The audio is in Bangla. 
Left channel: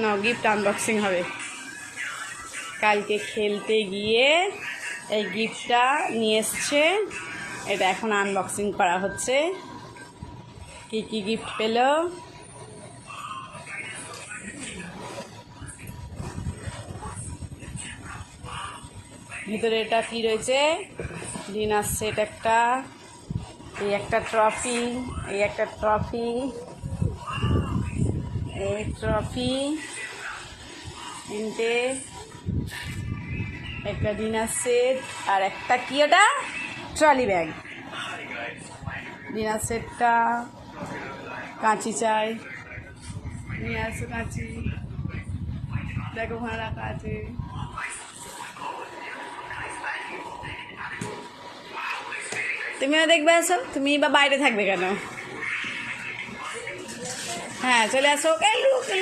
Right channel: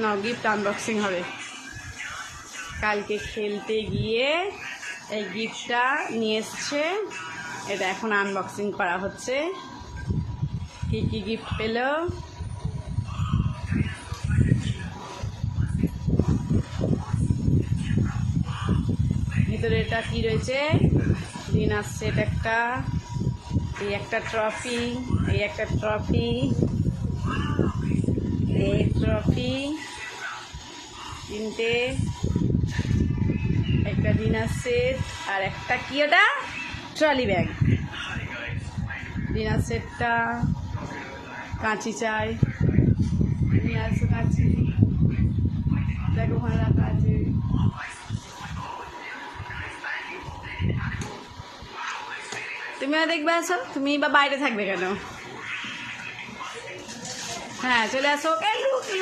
না, গিফট আনবক্সিং হবে। কালকে খেলতে গিয়ে এই গিফটটা নিয়ে এসছে, এটা এখন আনবক্সিং করা হচ্ছে। কি কি গিফট পেল, ভিতরে এটা কি রয়েছে? ডিনার সেট একটা, এই একটা ট্রফি, এই একটা ট্রফি, এই ট্রফি, তিনটে, একটা ডিনার সেট, আর একটা কি ওটা ট্রলি ব্যাগ। ডিনার সেটটা, কাঁচি চাই, নিয়ে আসো কাঁচি, দেখো ওখানে রাখা আছে। তুমিও দেখবে, আসো। তুমি বা বাইরে থাকবে কেন? হ্যাঁ, চলে আসো।